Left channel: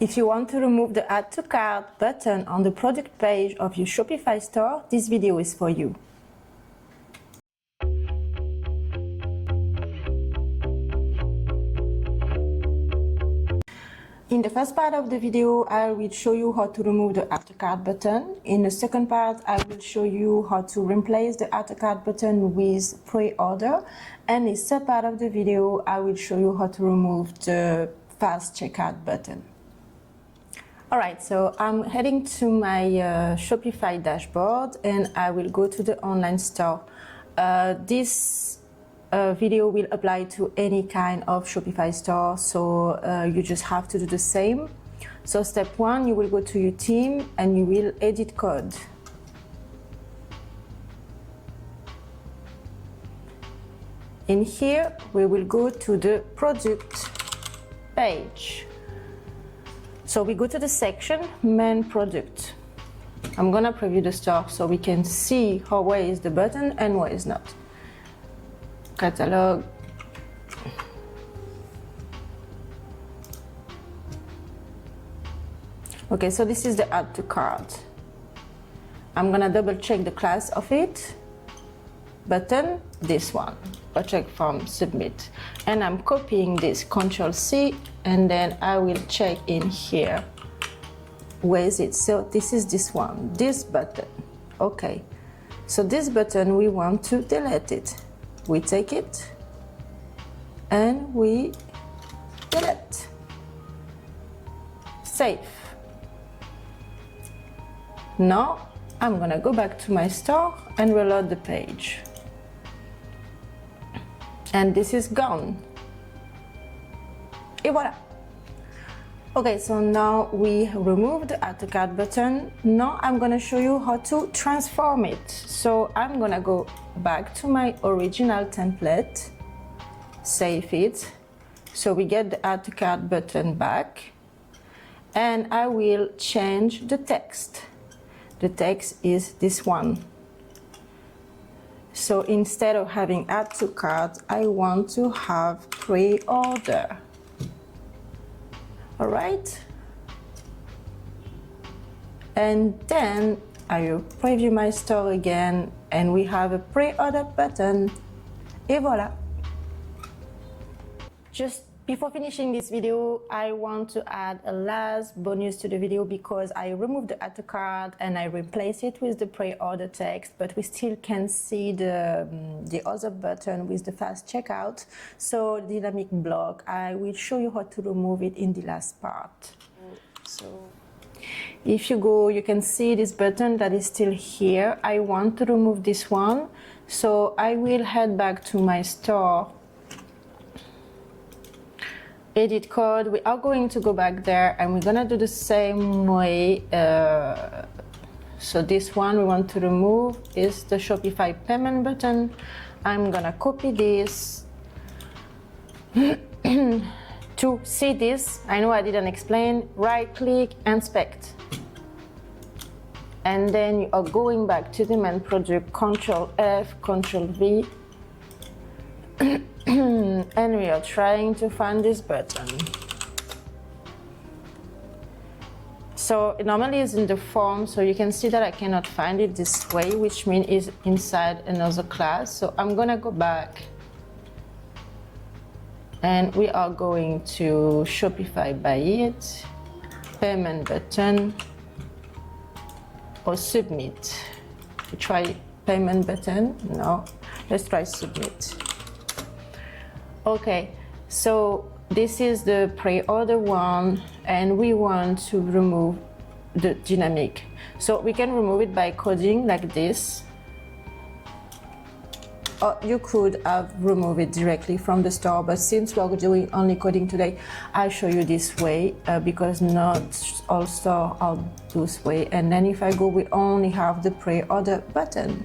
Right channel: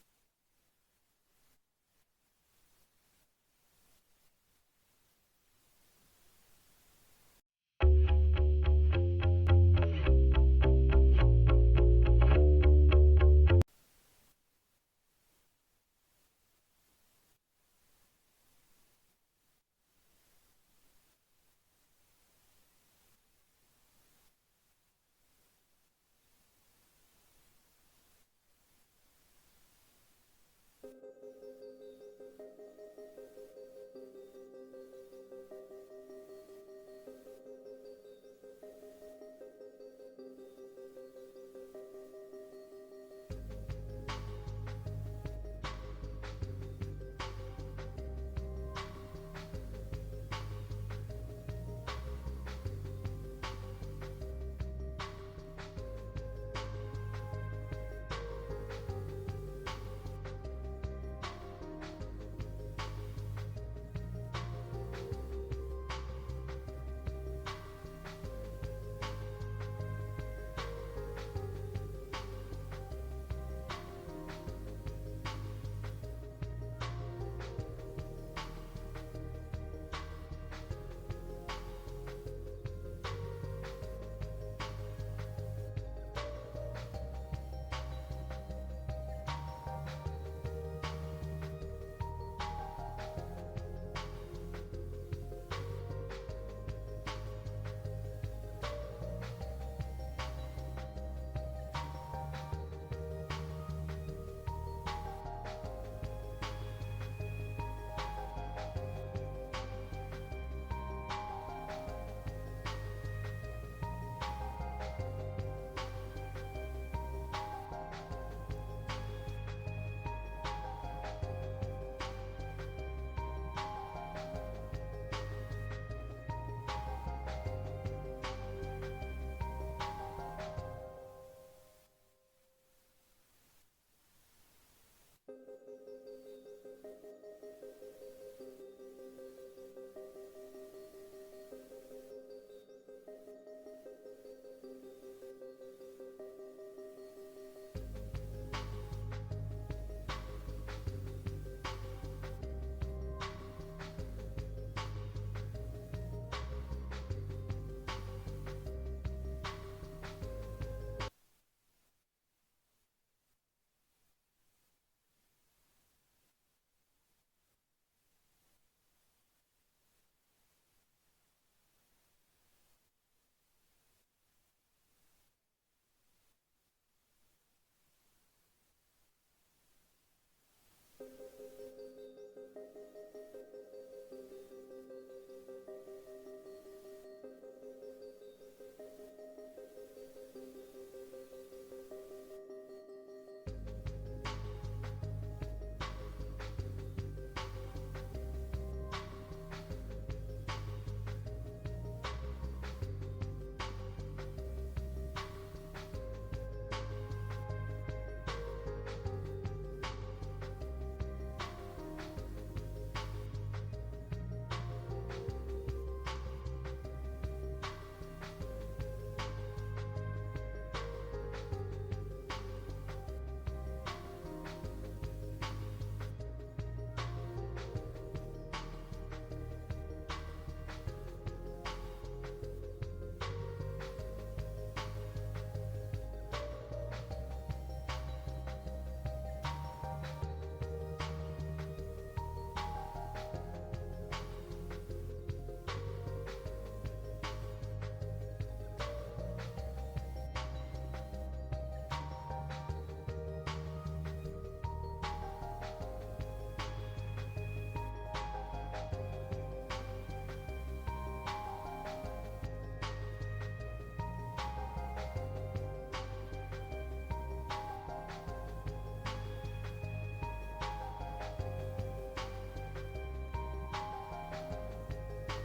If you want to remove the Add to Cart button on the product page of your Shopify store, this video is for you. In the first part of the video, I will show you how to remove the Add to Cart button. In the second part, I will show you how to replace the Add to Cart button with pre-order. And in the third part of the video, I will show you how to remove the fast checkout button. Alright, so I'm heading to my Shopify dashboard and I will go to the online store. This video will apply to any kind of Shopify store, so you just have to do the same. So step one, you will go to your team and you will edit code. In here, we will go to the product page. So we go to the section main product. I'm gonna preview the store so we can see where is the button and where is not. Catalog. Okay, so this is the Add to Cart. I'm gonna double check the class of it. Button, this one. I'll check from submit. And I'm copying this, Ctrl+C, and then I will check in here. Where is it? So this is this one, this button. Okay, so this button, we want to delete it. We take it and we delete. Save. Now I'm gonna go back to my store and reload the page. And this is gone. Et voilà. Okay, so now we removed the Add to Cart button. Now I'm gonna show you how to transform it. So I'm gonna go back to my original template, save it. So we get the Add to Cart button back. And I will change the text. The text is this one. So instead of having Add to Cart, I want to have pre-order. All right. And then I will preview my store again and we have a pre-order button. Et voilà. Just before finishing this video, I want to add a last bonus to the video because I removed the Add to Cart and I replaced it with the pre-order text, but we still can see the other button with the fast checkout. So dynamic block, I will show you how to remove it in the last part. So if you go, you can see this button that is still here. I want to remove this one. So I will head back to my store. Edit code, we are going to go back there and we're gonna do the same way. So this one we want to remove is the Shopify payment button. I'm gonna copy this. To see this, I know I didn't explain, right click, inspect. And then you are going back to the main project, Ctrl+F, Ctrl+V. And we are trying to find this button. So normally it's in the form, so you can see that I cannot find it this way, which means it's inside another class. So I'm gonna go back and we are going to Shopify Buy It, payment button, or submit. We try payment button, no, let's try submit. Okay, so this is the pre-order one and we want to remove the dynamic. So we can remove it by coding like this. Or you could have removed it directly from the store, but since we're doing only coding today, I'll show you this way because not all stores are this way. And then if I go, we only have the pre-order button.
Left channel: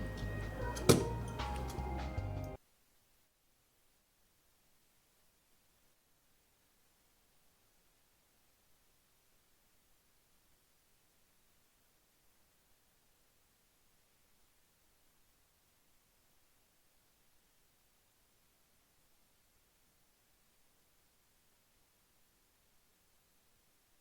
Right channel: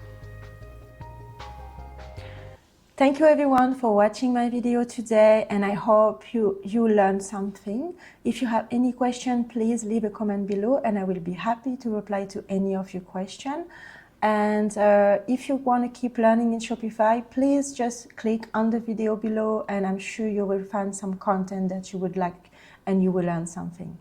Thank you everyone for watching my video today and I hope you learned something. If you have any question, please leave a comment below and I will be happy to reply to any of your questions. And if you want to keep learning in Shopify, please just click on the video below and I'm sure you will find some content that you would like and you will learn something.